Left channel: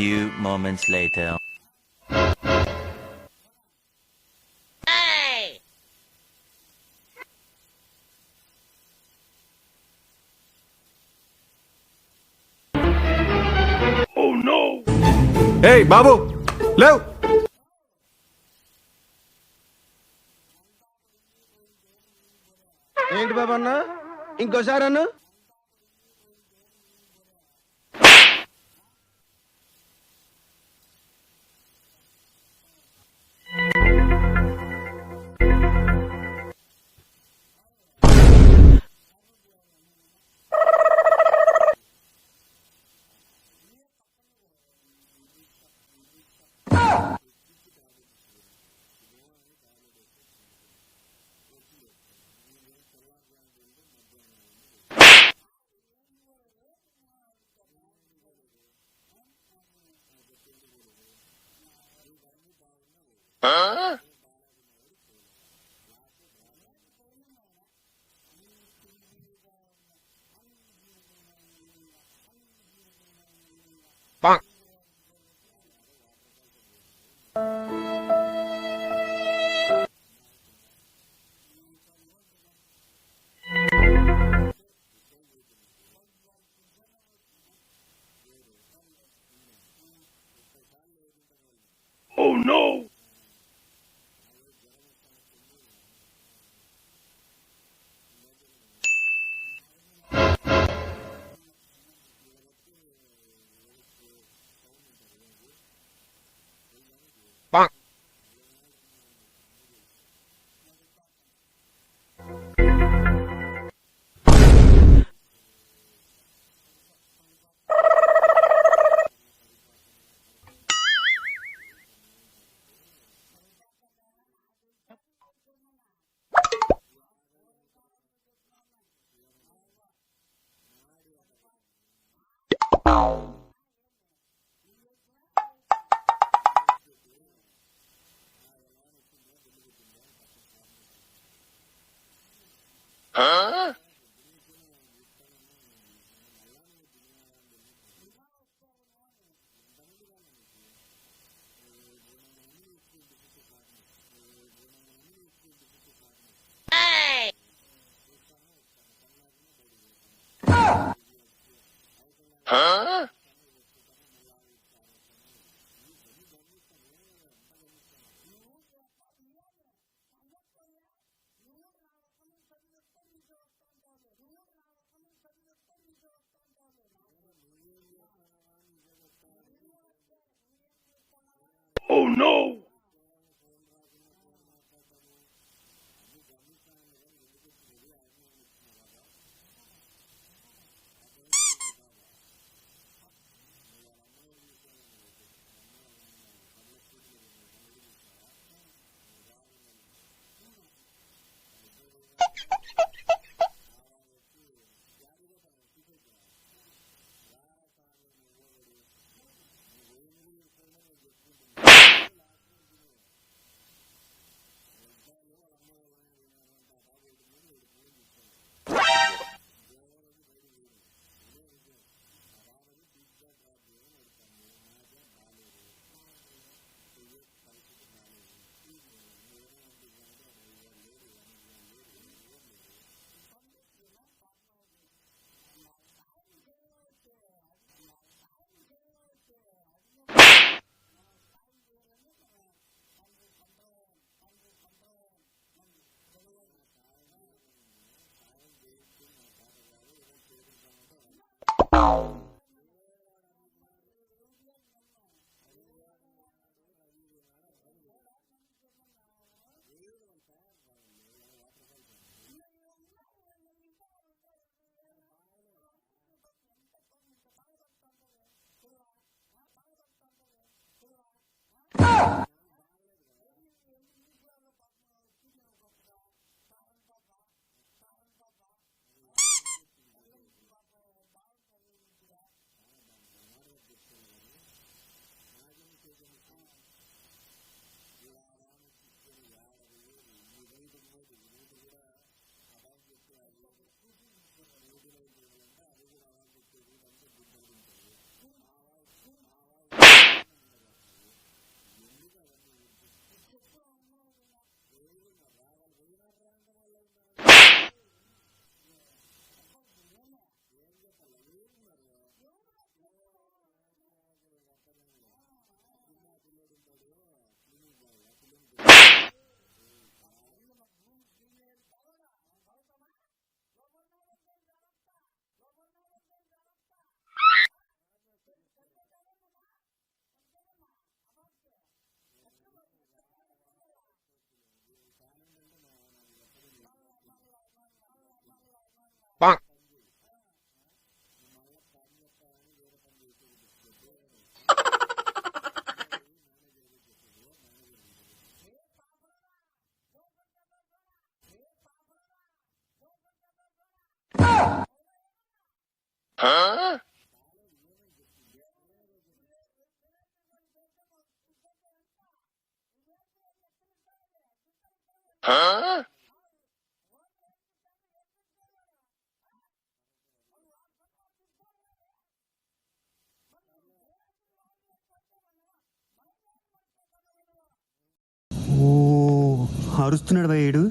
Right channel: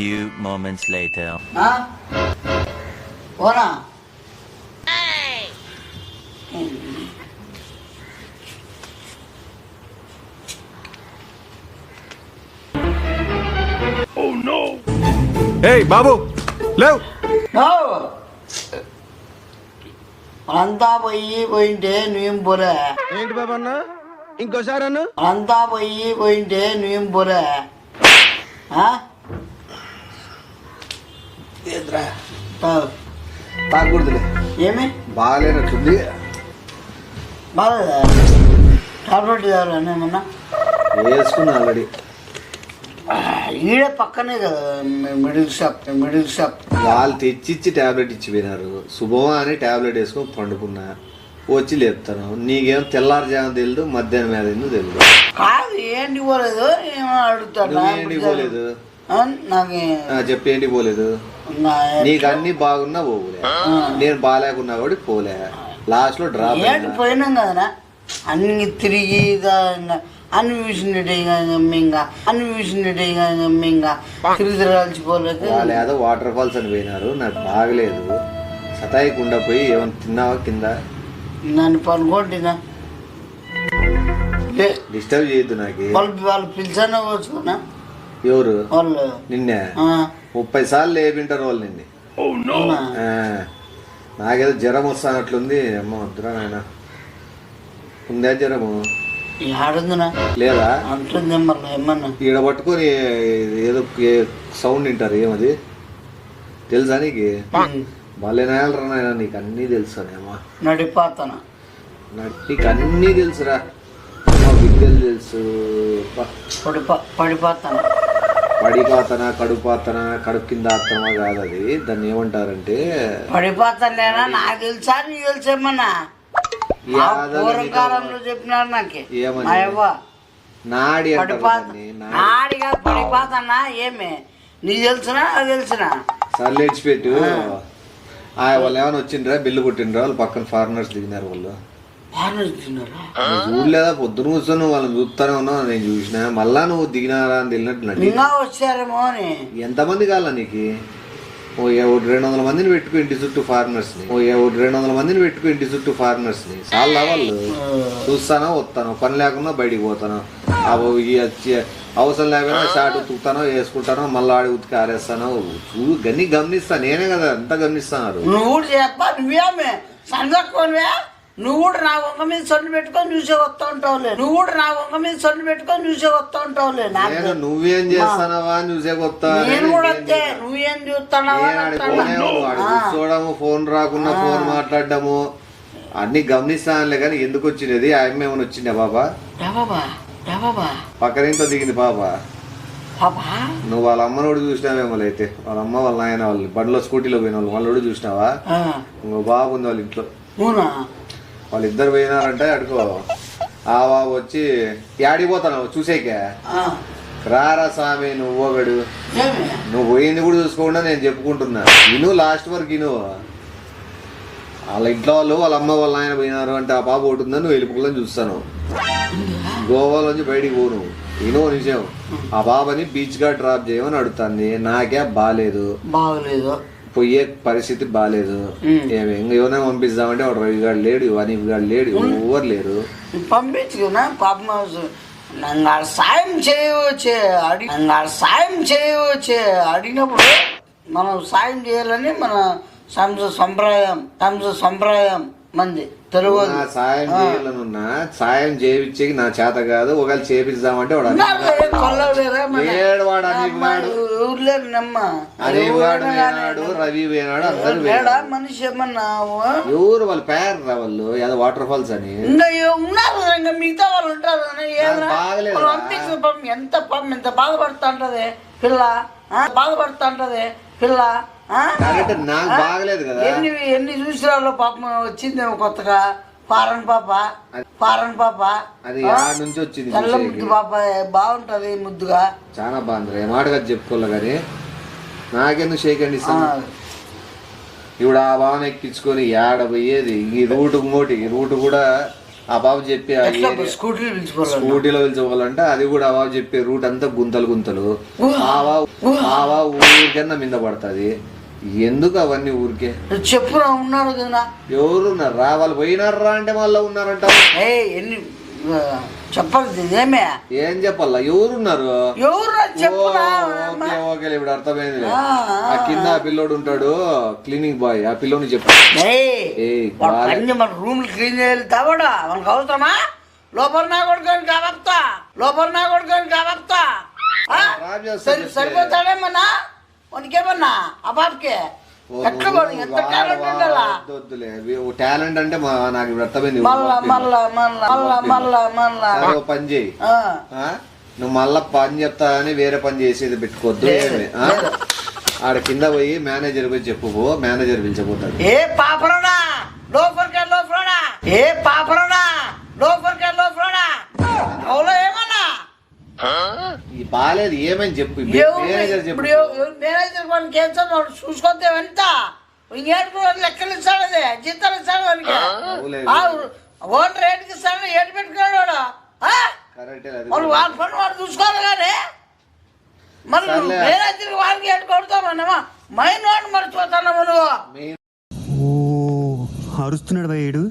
Few moments later. ఓనా ఏయ్ బాబు! లేవ్! అంతా పోయి పోయింటే నువ్వేం పోలే ఏంటి బాబు అన్న? ఇంకోసారి అన్న? అంతా పోయి పోయింటే నువ్వేం ఆ? ఏంద్రా ఏమి? బాగాలేనట్టుంది. బాగా టాబ్లెట్ తాగాలని ఏమన్నా వేసుకున్నా ఆల్రెడీ. ఈడే పక్కనే కదా మిడిల్ షాప్ మిడిల్ షాప్. వాళ్ళు తెచ్చిచ్చి టాబ్లెట్ ఇచ్చి పోయినారు శుభమా అని టాబ్లెట్ వేసుకొని పండుకున్నా. వచ్చి లేపుతాను. నీకేం తెల్లారుజాము తెలియదు మధ్యాహ్నం మీద ఎందుకు తెలియదు కాదు ఏంటి పోలేదు ఏమో అడుగుతాడు నువ్వేంటి పోలేదు నాకు చెప్పి ఏంటి పోలేదు నీకు అన్ని బాగున్నా పోలే నేను బాగాలేకున్నా కూడా పోలే. లాస్ట్లో డ్రాప్ పోయినాం కదనా అన్ని తిరిగి ఇదా ఇంకా అన్ని విషయండి ఇంకా తిరిగి తిరగాల్సిపోలేదు వాళ్ళు ఏదో వాటర్ ఫాల్స్ అని పోయినారు. నాకు బాగలేదు. సతాయికుండా పోయి ఏమైనా తిన్నావా కింద? నన్ను పనుకోండినా డిస్టర్బ్ చేయొద్దు నాకు. వాళ్ళు వాళ్ళు పిలిచానే వచ్చుకున్నా ఎవరు? వాళ్ళు. నిన్నే? ముప్పై సార్లు లేపింటారు వాళ్ళు నిన్ను? ఆ, నాకేదో జ్వరం వస్తానట్లుంది అమ్మ వద్దురా నాయన. ఉందా జ్వరము? లేదా? ఈడ పట్టుకొని ఏదో సౌండ్ వింటారు ఏమది? తెలుసా నీకు? భలే నాయాలరా నాయన నీకు అన్నీ తెలుసా నడిపాతన? నీకు అన్నీ తెలుసురా తెలుసు. పడిపా పడిపోతాను? పడిపాతన కడుపాతన కడుపు కింద ఆత్తన కాదు అది దాన్ని ఏమంటారంటే పడిపోతానేనా నాకు తెలుసా నీకు తెలుసేమన్నా పూర్వకాలంలో చెప్పినారు నాకు. ఏమని? నాడి నాడి. పడిపోతానా ఏమి? నీకు తెలుసునా? అది తెలిసిన? సర్లేడ్చి పెట్టు ఆ. వాళ్ళు ఏమైనా వచ్చిండ్రా? బిల్లు కొట్టిండ్రా? వాళ్ళు పక్కన ఫారినర్స్ దిగినారు వాళ్ళు. చూడలేదా? పొద్దున కూర్చొని వాళ్ళని చూస్తానే ఉన్నావు నేను చూసిన. మళ్ళా నువ్వు దిగినారా అని తెలినట్టు వచ్చారేమో అని. ఎంతమంది కావాలా నీకు? ఓ ఎవడు రెండు వందల మందిని పెట్టుకో ఇంటి చుట్టూ ఫారినర్స్ని ఓ ఎవడు రెండు వందల మందిని పెట్టుకో ఇంటి చుట్టూ ఫారినర్స్ని చాలా వాళ్ళు చూస్తానో వస్తాను? పని లేకుండా బయటికి పోతాను? అవి ఈ వచ్చి అవసరం లేకుండా షార్ట్ ఉతుకుతానో వేసుకుంటానో మళ్ళీ ఆడి ఉతికి ఆరేస్తానో? చూ గన్ని గమనిస్తా. నేనే కదా అంతా గమనిస్తున్నారు నువ్వు కూడా నువ్వు కూడా నా వంగ మీద సొంత పెట్టుకొని చూసే వస్తూ ఉంటావులే నువ్వు కూడా నా వంగ మీద సొంత పెట్టుకొని చూసే వస్తూ ఉంటావులే నాకు నేను నువ్వేం చేస్తానవా అని చూసే కొత్త నేను కూడా వస్తే నువ్వేం అని అంటాను. చూడము ఫోన్ రాకుండా ఫోన్ మాట్లాడడము అన్ని గమనిస్తానులే కానీ ఎందుకు వచ్చినది ఆ అమ్మ ఏమైనా వచ్చిందా బాబా? బాబా బాబా. పక్కనింతో దిగింది పాప పాపా నువ్వు వాళ్ళ అమ్మనోడు చూసినావేమో అయితే. వాళ్ళ అమ్మ వాళ్ళ నాయన వాళ్ళు బండిలో స్కూటీలో పోయిన వాళ్ళు వాళ్ళోడు చూసినావా? ఆ, ఇంకో బాబు ఉంది వాళ్ళ ఇంట్లో. అవునా? వాళ్ళిద్దరు పోయినారంటే అడుకో. ఆ బాబు వచ్చి యాడిపోతావు చూసేకే. రారా స్వామి నువ్వు ఒకడు. నువ్వు పోయింది కూడా చూసుకోకుండా నేను చెప్పుకుంటున్నా. ఇను లాస్ట్ వరకు ఇను వాళ్ళ ఇంట్లో వాళ్ళు వాళ్ళ అమ్మ వాళ్ళ ఆయన పోయినారు అంటే ఆ పాప ఒకటి ఉందని నువ్వు వెళ్ళిపోవాలని చూస్తాను. గోవాలోంచి బయటికి పోను. ఇనో నిజం ఆ బాబాని బీచ్గా డ్రాప్ చేయమని అడుగుతాంది. నాకే బాగాలేదు బాగలేదు. పోయే పరిస్థితి బాగాలేదు. ఏమి ఇంక ఎవరైనా పంపిస్తామంటే వాడు రవి గారు లేడు అనీఫ్ గారు లేడు ఎవరు లేరు. పంపించుకున్నా పాపం నన్ను సాయం చేయవచ్చే అడి నన్ను సాయం చేయవచ్చే అడిగినప్పుడు మనం సాయం చేయాలని మన సంస సంప్రదాయం సంస సంప్రదాయం. మంది. తెలుగు. నా సాయం చేయాలనున్నా సాయం చేయించేకి నా చేత కాదు ఒకవేళ చేపిద్దామంటే వాడు వాడు అనీఫ్ గాడు వేనాడు రవి వేనాడు అందరు మనిషి ఏమన్నా? ఎవరు వాళ్ళ పేరు రా వాళ్ళు? ఏదో వాటర్ ఫాల్స్ అని. ఉన్నారు? మిగతా వాళ్ళు ఉంటారు. పాపం ఎంత పాపం ఎంత బాధపడుతూ ఉంటది? పిల్ల ఆ? బాధపడుతూ ఉంటది? పిల్ల నాకు బాగలేదు కదా. ఎన్ని ఎన్ని చూసిరాలో పాపం వచ్చింది కొత్తగా. ఫారెన్ పాప ఫారెన్ పాప. అది ఆ? నుంచి వచ్చింది తెల్ల. ముద్దు పాప బాగుంటది ముద్దుగా. చాలా బాగుంది మాటగా చెప్పుకోలే కానీ నాకెందుకు షేక్ అండి ఆ, ఇప్పుడు ఆ భావన ఎక్కించుకొని ఏడ పోయేది? ఈ రూట్ ఇంకోటి ఈ రూట్ కూడా ఆ బాబు చెప్పి ఆ స్కూటీలు పిలుచుకోవాలంటే? అది కూడా ఆ బాబు చెప్పే రూట్ అంతా గుంతలు గుంతలు. ఊహ. ఆవా ఆవా ఊరికన్నా మీద పడుతుంది. ఎందుకు అవన్నీ ఊరికే? చెప్పురా ఉన్నాడు కదా. ఎవరున్నారు? రా వాళ్ళు పోయినారా అంటే మళ్ళీ ఉన్నారంట. ఏ ఎన్ని చెప్పాలి ఏమే? ఏం చెప్పాలా? ఎవరున్నారు? ఓకే ఓకే ఇప్పుడు అర్థమైంది ఆ, కింద ఆ. పిల్లోడు ఉంటాడు క్లీనింగ్ బాయ్ ఆ పిల్లోని చెప్పు. మన రూమ్ క్లీన్ చేయాలి తవడా? మనకు అవసరమా? లోపల నా కొడుకొని కాబప్తా లోపల నా కొడుకొని చెప్తే. సరిపోతాడేమన్నా? మనకేమన్నా ఆ బాబుకి? ఎట్లా వాడు? ఎంత టాలెంట్ ఉండాలా? టాలెంట్ అంటే మా- నాకు అర్థమైంది. మళ్ళా మళ్ళా మళ్ళా మళ్ళా మళ్ళా మళ్ళా. సరే, ఓ పని చేయి. ఆ, ఆ? నువ్వు మళ్ళా పని చెప్తా అని వేరే పని చేసేది పెట్టుకోవద్దు లేదు, ఏమి? ఆ? ఆడ కింద పోయి మేనేజర్ పోయి చెప్పుకో మేనేజర్ పిలిచిపోతాడు. ఏ పాపరోడా? లోపలికే లోపలడా ఏ పాపరోడా? లోపలికే లోపలడా అవులో ఏమన్నా? ఈ బాలేదు ఏమని చెప్పు? మేనేజర్ ఇప్పుడు చెప్పు ఎవ- మేనేజర్ వాడికి ఏం చదువు చూసుకొస్తే ఎంత ఇంకేడు లెక్కలు ఇస్తాడు అది జీతాలు ఇస్తాడు వాడికి అవులేదు. ఆ, ఓన్ రేటుకి ఇస్తాడు ఏడు పెట్టుకున్నాడు వాడు. ఆ? కరెక్టే అది వాడు వాడి పని వాడు చూసుకోవాలి కానీ మరి సర్లే. మేనేజర్కి వాడికి ఏడు కొడతామన్నమా మైన్ వాడిని మర్చిపోతానమ్మా నువ్వు. ఓ అరుస్తున్నాడు భయ్యుడు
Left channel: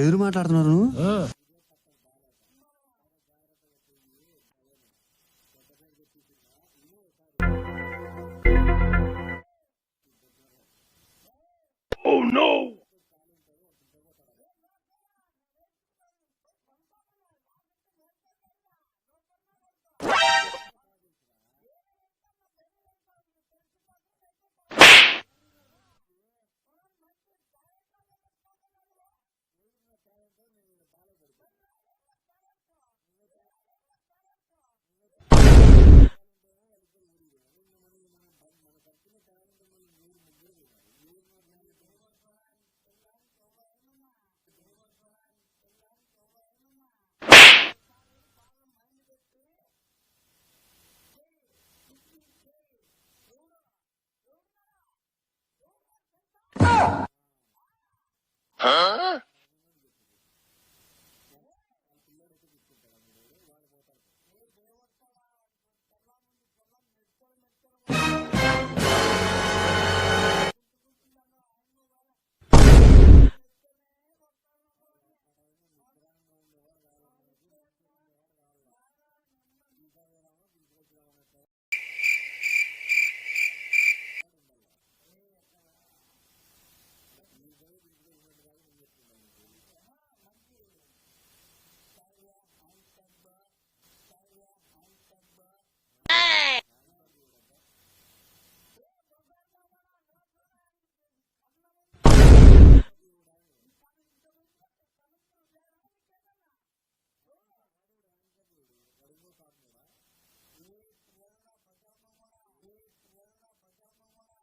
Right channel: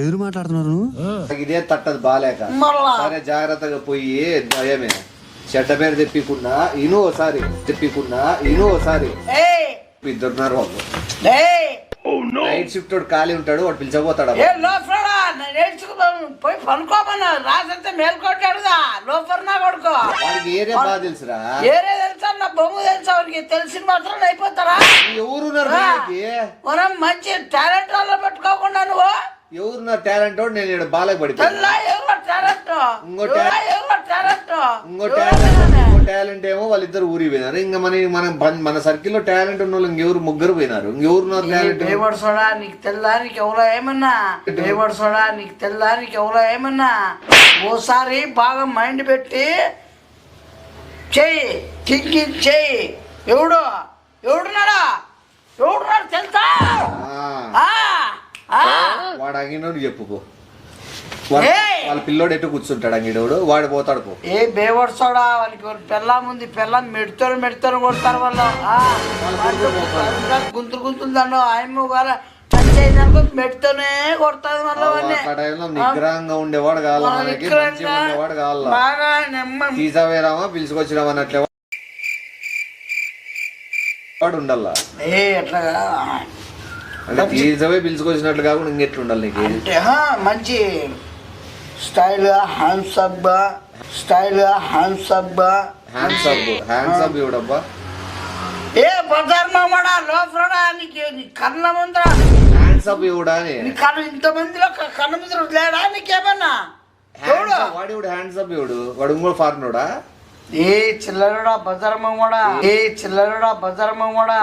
ఎదురు మాట్లాడుతున్నారు ఇదే తట్టదు బాలేక. మళ్ళా. సరే జాగ్రత్తగా పోయి దయమే చెడ్డ పేరు తెప్పికుండా ఇను ఒకసారి తెప్పికుండా ఇను ఒకసారి ఇద్దరున్నారు వాళ్ళు. నైట్ షిఫ్ట్ వాడు ఖాళీ ఉంటాడు వాడు పిలిచబోతాడు పోయి పనుకోమన్నా. రాసంతే మేల్కొట్టాడుగా లోపల నా కొడుకో? ఏరే బాగా తెలుసురా? ఏరే తెలుసా? నా బొమ్మ తెలుసా? వాడికి తెలిసిన మాత్రం అయిపోతారా? ఎవరున్నారు? మనం మంచి టాలెంట్ వాళ్ళ పెట్టుకోకుండా నువ్వు? ఎవరున్నారు టాలెంట్ నేను ఈడ బాలకు పడిపోయాను. ఇంకో టాలెంట్ టాలెంట్ ఏమో వాళ్ళిద్దరు ఊరికి పోయినారు. ఇంకా మన మన మన సర్కిల్లో టాలెంట్ ఉన్న వాళ్ళు ఇంకెవరు ముగ్గురు పోయినారు. ఇంకెవరున్నారు టాలెంట్ సోడా నీకు తెల్లా నీకు ఎవరో ఏమన్నా? సోడా నీకు తెల్లా నీకు ఎవరో ఏమన్నా? ఓసారి బాగా మైండ్ పెట్టి చెయ్యి థింకింగ్ చెయ్యి ఎవడు? ఎవడున్నాడా? ఎవడున్నాడు తెలుసా. వాడు అంగినోడు చెప్పుకో! వాళ్ళ పిల్లోడు ఎటు కూర్చుంటాడు అంగిడోడు? వాడు పోతాడు పో. ఏ బేవడు సోడా వానికి ఒక పెళ్ళాం ఉంది పెళ్ళాం మెడతారు మెడతారు కొడతారు వాళ్ళు. గుంతులు గుంతులు దండు ఆయమ్మ మెడతోనే కొడతాది మళ్ళీ ఆ టైంలో నిగ్రహంగా ఉండేవాడు కావాలి మనకి మంచిగా ఉండేవాడు కావాలా బాగా నెమ్మ. తీసావేరామా పిలుచుకొచ్చినామా అన్నట్లే. వాడు ఉండాలా ఏ ఎట్లాగా అంటే తీసవే పిలుచుకొచ్చినట్లు కాకుండా ఇంకెట్లు ఉండాలి నీకు? అంటే హా, మంచి style hands up style hands up hands up hands up ఇవ్వడబ్బా. ఏ బజార్ మామడా లోపలడా నీకు నీ కళ్ళ ముందర. హ్యాండ్స్ అప్ ఇవ్వడా అని నీ కళ్ళు ఇంతమందిలో క- కళ్ళ ముందర లేడా నీకేమన్నా? వాడు హ్యాండ్స్ అప్ ఇవ్వడు. వాడు ఇంకో ఫారినోడా? ఏ చిల్లరుడా బజార్ మామడా ఏ చిల్లరుడా బజార్ మామడా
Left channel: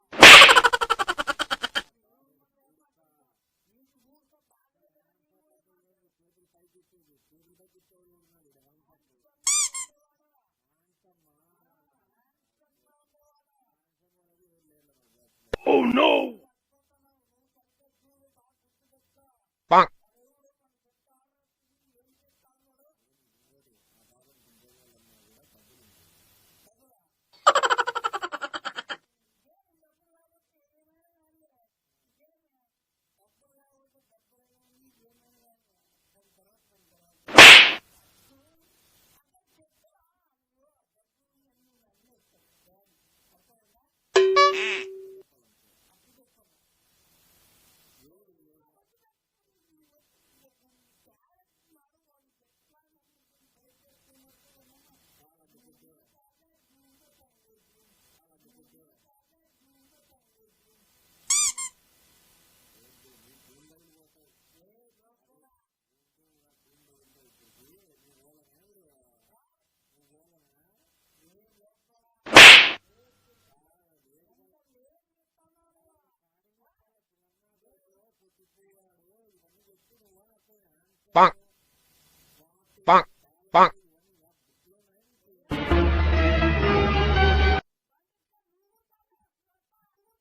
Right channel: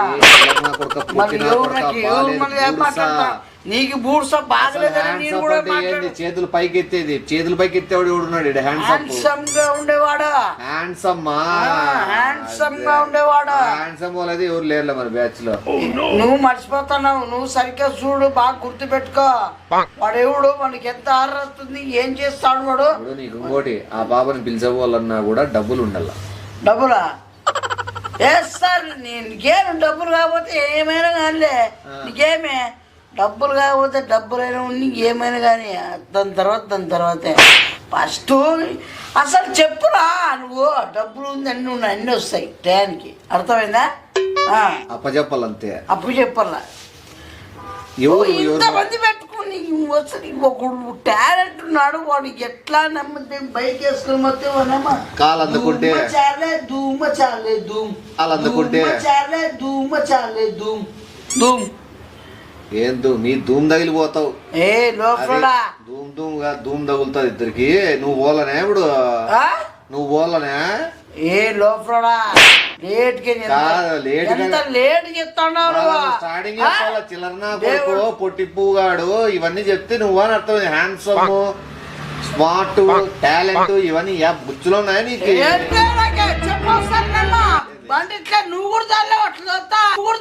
మరి ఎవరు నాకు ఎవరు మళ్ళీ ఏం మాట్లాడతా నీకు బూడ్స బాగలేదని నేను కూడా చేతులు పైకి ఎత్తేది చేతులు పైకి ఎత్తేవాడు ఎవడున్నాడు హ్యాండ్సమ్గా ఉండేవాడా? హ్యాండ్సమ్ హ్యాండ్సమ్గా ఉండేవాడా? హ్యాండ్సమ్ వాళ్ళది ఎవరు లేరులే మన బ్యాచ్లో. నువ్వు మర్చిపోతున్నావు. నువ్వు సరిగ్గా చూడు బాగా గుర్తు పెట్టుకో వాడు ఎవడు మనకి ఎంత ఆరస్తుంది ఏం చేస్తాడు వాడు? నీకు ఇంకోటి ఆ బాబాని పిలిచబోవాలన్నా కూడా డబ్బులు ఉండాల. డబ్బులా? ఏ సార్ నీకేమి డబ్బులు కాకపోతే ఏమైనా కానీ నీకేమే? డబ్బులు కాకపోతే డబ్బులైనా ఉండి ఏమైనా కానీ దాని తర్వాత దాని తర్వాతే. ఫస్ట్ అసలు చెప్పురా నువ్వు డబ్బులు ఉంది అన్ని ఉన్నాయి అన్నీ వస్తాయి టయానికి. అర్థమైందా? అప్పచెప్పాలంతే అప్పుడు చెప్పాలా ఇంతమంది పెట్టుకుని అసలు ఒకడు టాలెంట్ ఉన్నాడు వాడు ఎట్లా నమ్మితే బైక్ వేసుకుని మొత్తం వాడేమో కాలు అందుకుంటే. చాలే ధూమ చాలే ధూమ్. కాలు అందుకుంటే. ధూమ చాలే ధూమ చాలే ధూమ్. ధూమ్. ఏం ధూమ్? నీ ధూమ్ తగిలిపోతావు. ఏ లోపల ధూమ్ ధూమ్గా ధూమ్ తగులుతుంది ఇద్దరికి. నువ్వు పోలనే ఇప్పుడు? నువ్వు పోలనే? ఏ లోపల లేట్ లేట్ నువ్వు? స్టార్టింగ్ చిల్లరనా. కొడుకు పొట్టి పువ్వుగాడు ఇవన్నీ చెప్తే నువ్వు అని అర్థం హ్యాండ్సమ్ స్మార్ట్ టాలెంట్ ఇవన్నీ యా బుచ్చులో ఉన్నాయా నీకు? నువ్వు కూడా నువ్వు కూడా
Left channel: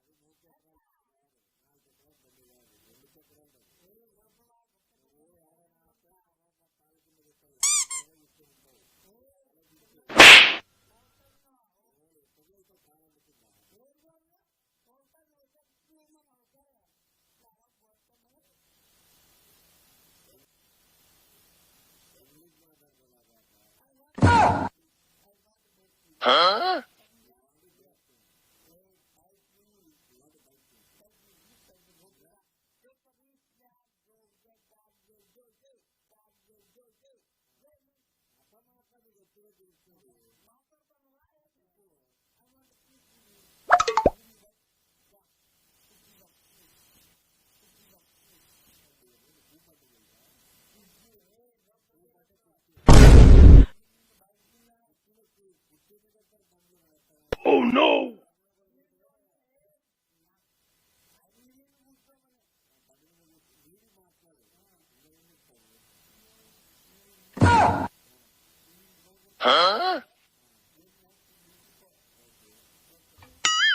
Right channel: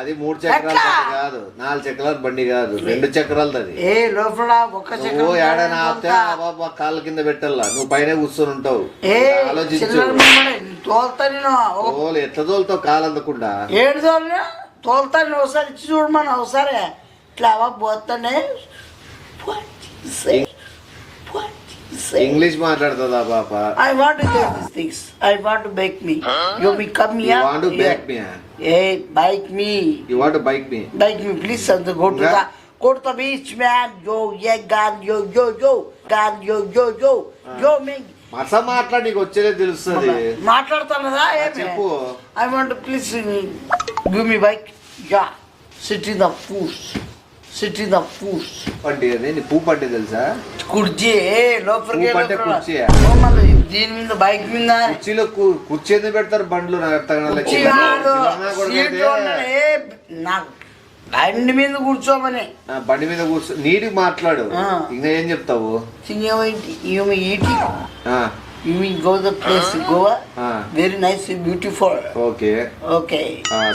అది మూడు చక్రాల? బండి కాదు నాలుగు చక్రాల బండి కాదు రెండు చక్రాలది. అది ఏ లోపల ఒక్క నువ్వు చక్రం ఏడైనా ఆపితే. ఆ బాబా కాళ్ళ కింద పెట్టాలా? నువ్వు పైన కూర్చొని ఉంటావు. ఏ ఆలోచించు. చిల్లర తోలుతా నేను. ఒక ఓలు ఎట్లా తోలుతావు కాలు అందకుండా? ఏడు తోలినా తోలుతా నేను ఒకసారి ఇచ్చి చూడమని ఒకసారి. ఇట్లా అవ్వ పోతానే. ఇంగ్లీష్ మాట్లాడుతుందా పాప I want to do these things. I want to bake me. You me come you here. Want back me Hey, bike me. You want bike me Bike me, please. And go to Yeah. the go to the beach, man. Yo, yeah, God, yo, yo, yo, God, yo, yo, yo, yo, me. మస మాట్లాడి నీకు వచ్చేదే తెలుస్తుంది మాట్లాడుతున్నదా ఏమి చెప్పు I want please give me bike yeah sit in the foods sit the foods పండి అది నీ పూ పండి తెలుసా? కుర్చీ లోపలికి పట్టే. కుర్చీయా? మళ్ళీ దీని మీద బైక్ మీద. కుర్చీలో కుర్చీ ఎందుకు పెడతారు? బండ్లు నాకు. కుర్చీ బండి మీద కూర్చోమని. బండి మీద కూర్చో నీటికి మాట్లాడు. ఇంకా ఏం చెప్తావు? Goa. Very nice beautiful okay. Okay.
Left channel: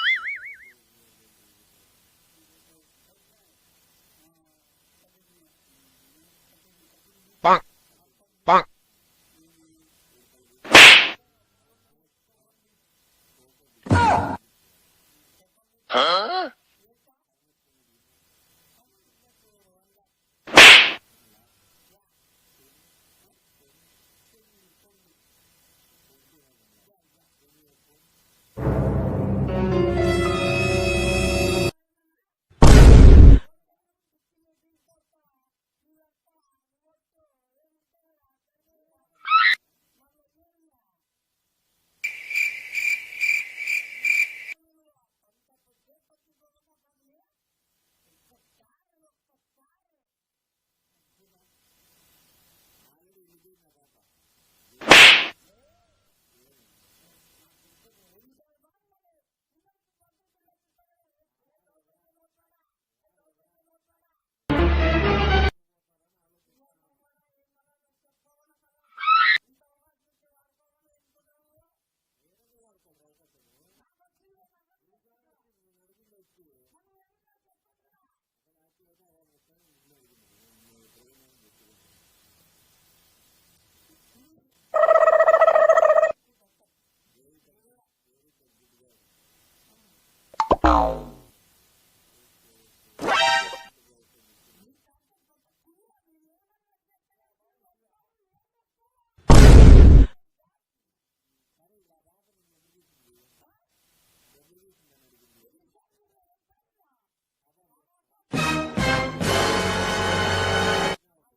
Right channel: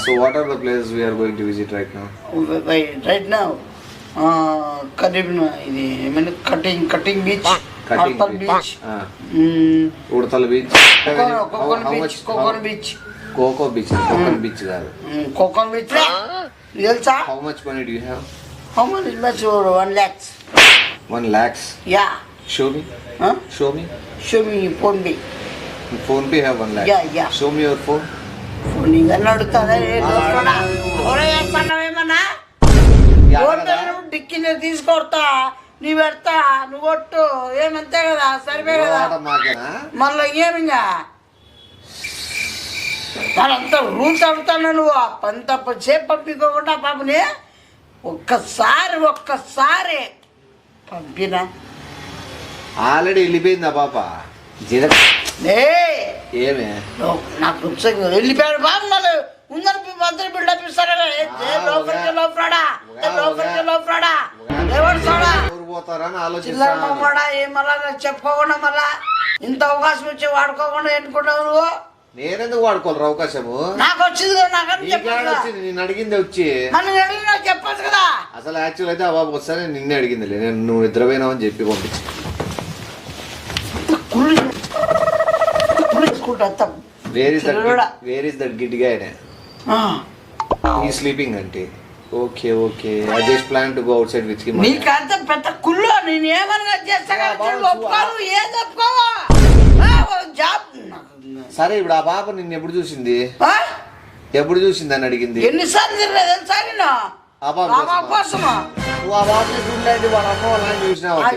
So what are the places we're going to visit right now right now కరీబ్ ఇది ఏమైనా cutting cutting beach? Cutting beach. Udathala beach. Cocoon beach cocoon beach. Coco beach cocoon beach కాదు. Cocoon beach? తెలుసా? How much money do have how much much one lakhs one lakhs yeah show me show me show me phone be phone have. Show me your నేను తీసుకొడతా నీ పెడతా నువ్వు కొట్టు ఏమంతే కదా సరిపోయి కదా. మళ్ళీ ఏమిగా వాళ్ళంతా రూల్స్ అడుగుతాను నువ్వు తప్ప సేపు పంపించకుండా పాపని ఒక్కసారి ఒక్కసారి పంపిన. ఆల్రెడీ వెళ్ళిపోయిందా పాప. ఏమే? నాకు వెళ్ళిపోయాడు బాబు మళ్ళీ. ఉందని మంత్రి బిల్డప్ ఇస్తారా ఏ, ఏ లోపలికి లోపలాడా ఏ లోపలికి లోపలాడా ఎవరు చూడా? ఊరు పోతారని చిల్లర ఆలోచిస్తాను మమ్మడా ఏమలా చెప్పుకోకుండా మళ్ళా ఇంత అవకాశం వచ్చి వాడుకోకుండా ఎన్నుకుంటావు నువ్వు? నేనెందుకు వాడుకోవాలి అవకాశము? నాకు వచ్చింది వచ్చింది? నేను అడిగింది వచ్చి. నాకు చెప్పచ్చు కదా. అసలు యాక్చువల్ అయితే ఆ బాబు వస్తానే నిన్నే అడిగింది నేను నువ్వు నిద్రపోయినావు అని చెప్పి పంపించి. Where is that. Where is that గాయనే ఆ, ఈ స్లీపింగ్ అంటే okay okay I just plan to go outside with him నీకంత పెద్ద కుళ్ళు నేను ఏమన్నా చేస్తా యా, కదా బాగుంది, ఒప్పుకోను ఏం ఓ జాబ్. సరే ఇప్పుడు ఆ పాప నిన్ను ఎప్పుడు చూసింది? ఆ? ఎప్పుడు చూసింది అని అడిగింది? ఎన్నిసార్లు తిరగలేదు తెలుసా నేను ఆ పాప.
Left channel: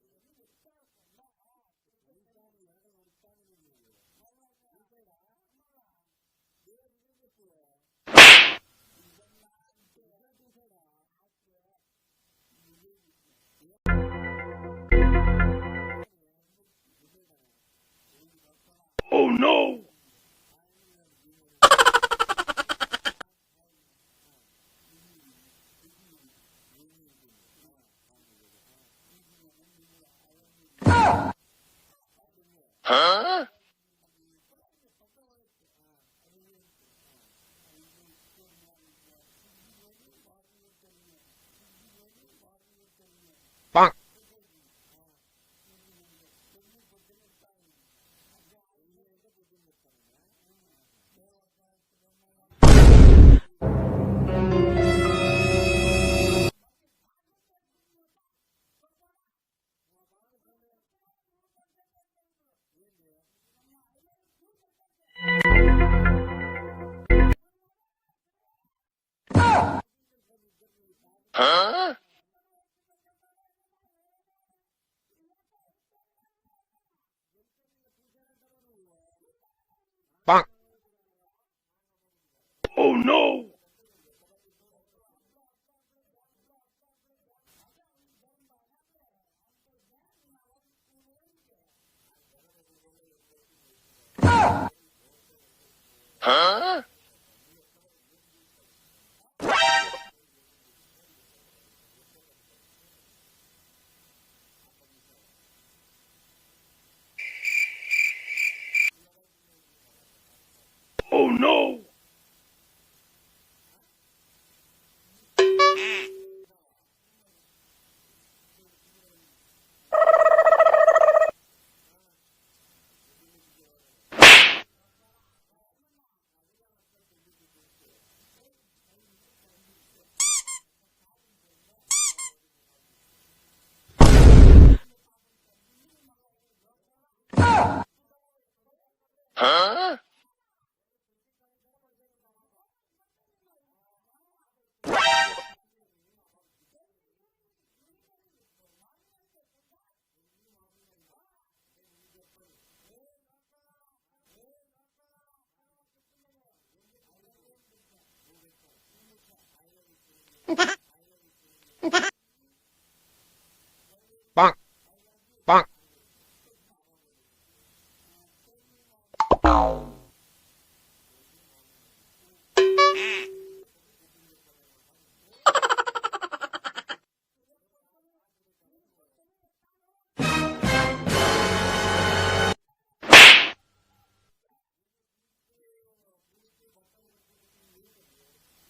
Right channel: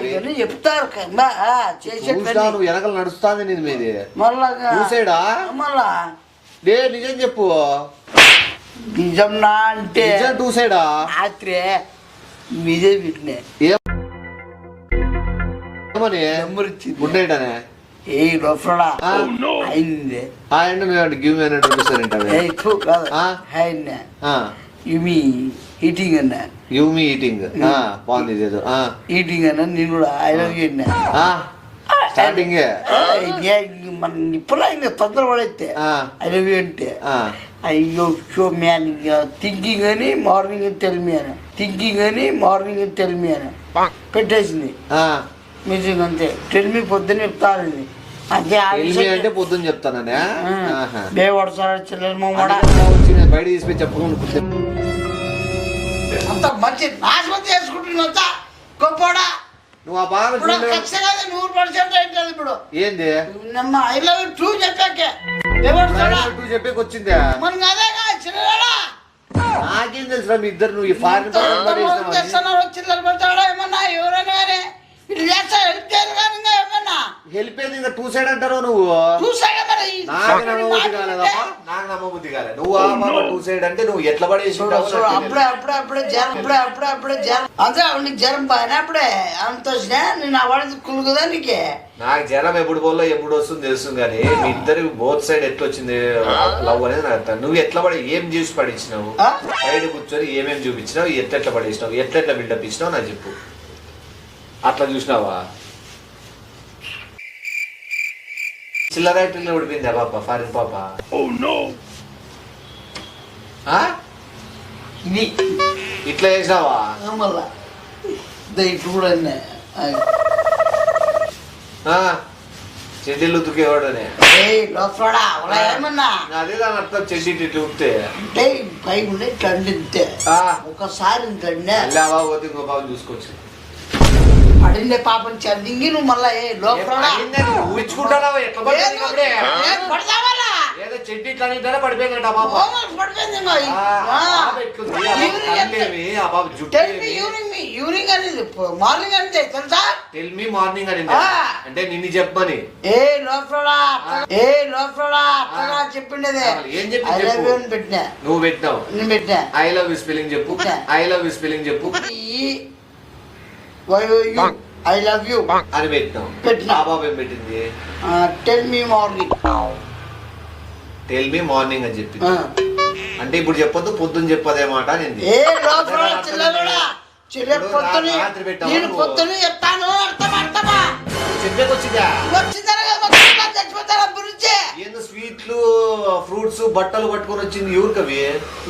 ఇవన్నీ చెప్తారు నువ్వు వెనకలు నడుస్తాంది నీది మీది. మళ్ళా చూసాడా? మళ్ళా. లే నిజం చెప్పు. నిజం నా అంటే నిజం చూసాడా రాత్రి మీదే ఏమని నెంబర్ ఇచ్చింది అనే ఏ. అయింది. గివ్ ఇవి హీటింగ్ అన్నా. గివ్ మీ ఈటింగ్ ఆ బాగుంది ఇదేదో. హీటింగ్ అన్నా నేను కూడా ఐ లవ్ యూ అన్నా. స్టార్టింగ్ మన ఇప్పుడు ఇంకా తొందర పడైతే ఆ. ఐ లవ్ యూ అంటే అయ్యో షో మ్యాన్ థింకింగ్ అని మార్నింగ్ టెల్ మీ అని. థింకింగ్ అని మార్నింగ్ టెల్ మీ అని. పెట్టేసింది. ఆ. మ్యూజిక్ అంతే. టెల్ మీ పొద్దున్న చెప్తాను అదే ఆ ఎల్మి విషయం అంటే పొద్దున్న చెప్తాననే. బేవాడు సార్ వచ్చింది, బయట తీసుకుని చెప్పుకుంటు అంత మంచి నాశనం చేసుకుంటున్నా గొప్పోడా నువ్వు ఆ బాగా ఇప్పుడు ఖచ్చితంగా నూరు పర్సెంట్ అవుతుంది ఇప్పుడు. ఏంది? నమ్మ ఐ లవ్ టూ చెప్పాకే నువ్వు చెప్పేకి వచ్చిందే? మనకి అదేగా చిల్లరా నాకేం తెలుసురా మీ ఇద్దరు నువ్వు ఈ ఫారిన్ చేస్తున్నారు చిల్లర పడతాడా ఏమన్నా ఎవరైనా కానీ ఇది చేస్తా హెల్ప్ చేయరు కానీ ఇంకా ఇంకా టూ సైడ్ అంటారు నువ్వు? మరి. ఈ నాకు నమ్మబుద్ధి కాలేదప్పా. నాకు నమ్మబుద్ధి కాలేదు నువ్వు టూ సైడ్ అంటే నువ్వు ఎట్లా పడేసి అప్పుడే అప్పుడే అప్పుడే జ్వరం అప్పుడే అప్పుడే అప్పుడే జ్వరం నీకు జ్వరం అప్పుడే అంత వచ్చినా నేను అవాడి కులుగుదా నీకే. నాకు జ్వరం ఎప్పుడు పోలో ఎప్పుడు వస్తుంది తెలుస్తుంది కానీ ఇద్దరు బోత్ సైడ్ ఎట్లా వచ్చింది లవ్ అనేది నాకు అర్థం. నువ్వు ఎట్లా పడి ఏం చూసి పడించినావు? సైడ్ కూర్చొని ఏమేం చూపించినావు? ఎట్లెట్లా పడేసినావు? ఎట్లెట్లా బిల్డప్ ఇచ్చినావు? నాకు చెప్పు. అట్లా చూసినావా? చిల్లర యాక్టింగ్ పడిపోయింది పాప? ఫారిన్ పాప? ఇది ఇట్లా చేసినావా? మళ్ళా. ఇదో ఇటు కూడా చెడ్డీలు ఉతికేవాడనే అదే దాని అర్థం చెడ్డీ ఇట్లా ఉత్తే. అంటే పై ఉండే ఇట్లా ఒకసారి ఇంత ఇంకో చూసుకోవచ్చు. అడిందే పాపం చదింగి నువ్వు మళ్ళా ఏ ఊహించుకుంటావా ఎట్లా ఏదో ఇట్లా పడిపోయిందట పాప. ఈవినింగ్ అనేది మార్నింగ్ అంతే తెలుసా టెల్ మీ మార్నింగ్ అని. అంటే నిన్ను చెప్పమని ఏ లోపలడా ఏ అట్టగా చెప్పిండేది. ఏం చెప్పు. పెట్టినా. నువ్వు పెట్టినావు. నేను పెట్టినా. ఐ లవ్ యూ స్పెల్లింగ్ చెప్పు. ఐ లవ్ యూ స్పెల్లింగ్ చెప్పు. ఈ వై ఐ లవ్ యూ అని పెట్టినావు పెట్టినా. ఆ బాబు ఏం పెట్టింది? Tell me morning tell me morning అని చెప్పింది. అంటే ఇప్పుడు చెప్పొద్దు పొద్దున్న చెప్పదే మాట ఏ లోపల చిల్లరుడా? పొద్దుని నేను? పొద్దుని చెప్తాను అర్థం అర్థమా? ఏందో స్వీట్లు ఫ్రూట్స్ బట్టలు పట్టుకొని వచ్చింది ఎవరికవి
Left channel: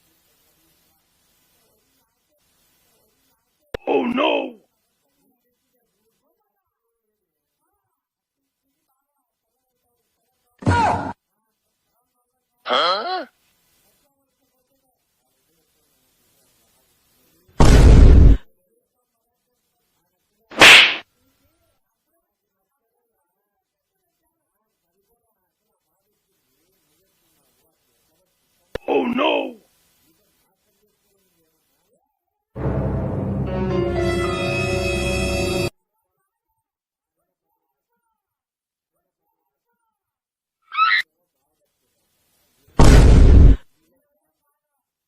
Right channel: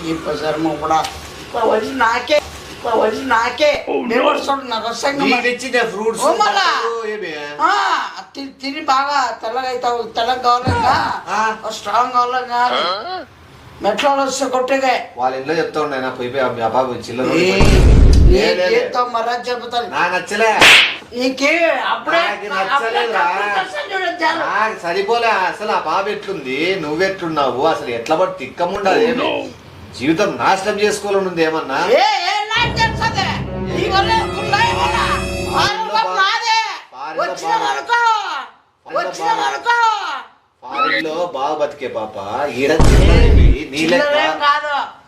ఈ ప్రసారం కూడా నాకే వచ్చి నాకే. నాకు నీకు తెచ్చిందే ఫ్రూట్స్ తిని బాగా తెల్లగా అవుతావు తెల్లగా కావాలన్నా. స్ట్రాంగ్ కావాలన్నా మెట్లో వస్తే కొట్టేగా వాళ్ళ ఇంట్లో చెప్తా ఉండే నా పోయి పోయి ఆ బాబు చిల్లర నాకు నీకే నాకు. నాకు సరిపోలే అసలు ఆ బాబు ఎట్లుంది? నువ్వెట్లున్నావు? అసలు ఎట్లా పడి తిక్కముండాలి జీవితం నాశనం చేసుకోవాలని ఉంది ఏమన్నా? బాగా. బతికే పాప ఈడ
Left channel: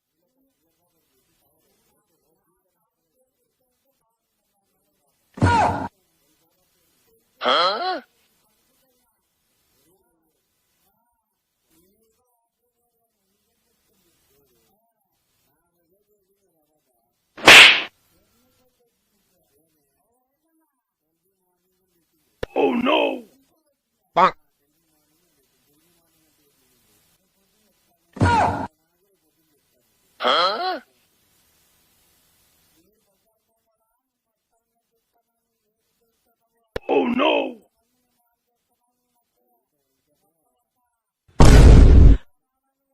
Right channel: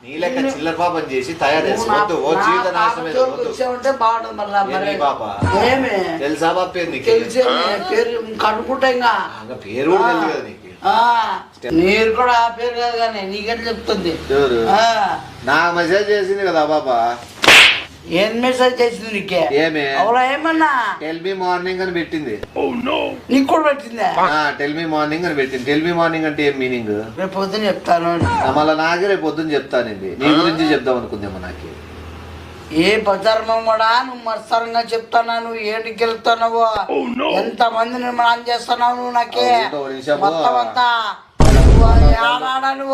నీ లెక్క చిల్లరేం పాపం చేసి తయారు నువ్వు చేసి నా- వద్దు ఓ జీవిత పాప నాశనం జోలికి వచ్చావంటే బాగుంటుంది మళ్ళా ఏ మరి? నీ పాప? తెలుసా బాబు పేరు నీకు? తెలిసే పేరు ఇంకా. పేరు కూడా తెలియదు నీకు. మీరు కూడా ఆ పేరు కాదు కానీ నీకని చెప్తుంది. నాకు మెసేజ్ చేసింది కదా బాబా. ఏం మెసేజ్ చేసింది నీకే? ఏమే? అవునా ఏమన్నా? టెల్ మీ మార్నింగ్ అని పెట్టింది. నీకు కూడా పెట్టిందా? టెల్ మీ మార్నింగ్ అని పెట్టింది. టెల్ మీ మార్నింగ్ అంటే ఏం మీనింగ్ రేపు పొద్దున చెప్తాను. మళ్ళీ నాకే రేపు పొద్దున్న చెప్తానండి నీ గురించి చెప్దాం అనుకుందేమో నాకు. ఏ బజార్మం కూడా నువ్వు మత్సరంగా చెప్తానా నువ్వు ఏటికి వెళ్తున్నావు ఎంత మంది నిర్మాణం చేస్తున్నావు నువ్వు నాకే. మొత్తం అంతా.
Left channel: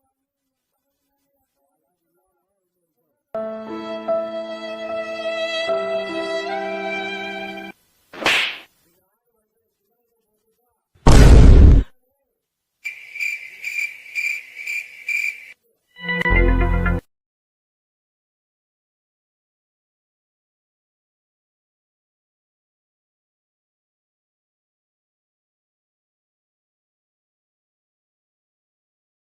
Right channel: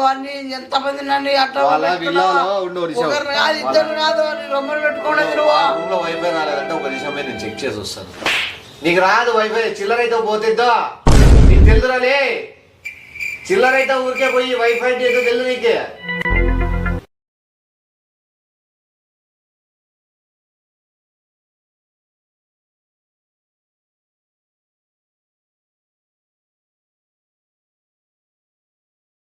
అన్ని ఎంత మంది నన్ను అట్లా. ఒకరు కాదు ఇద్దరు కాదు అని రొమ్మలు పెట్టుకోవడం చెక్ చేసి వస్తాను. నీకు రాదు వైఫై చిల్లర అయితే పోతుందో నీకు తెలుదురాలే చిల్లర అయితే ఊరికే పోయి వైఫై ఏదో తెలుదు నీకే.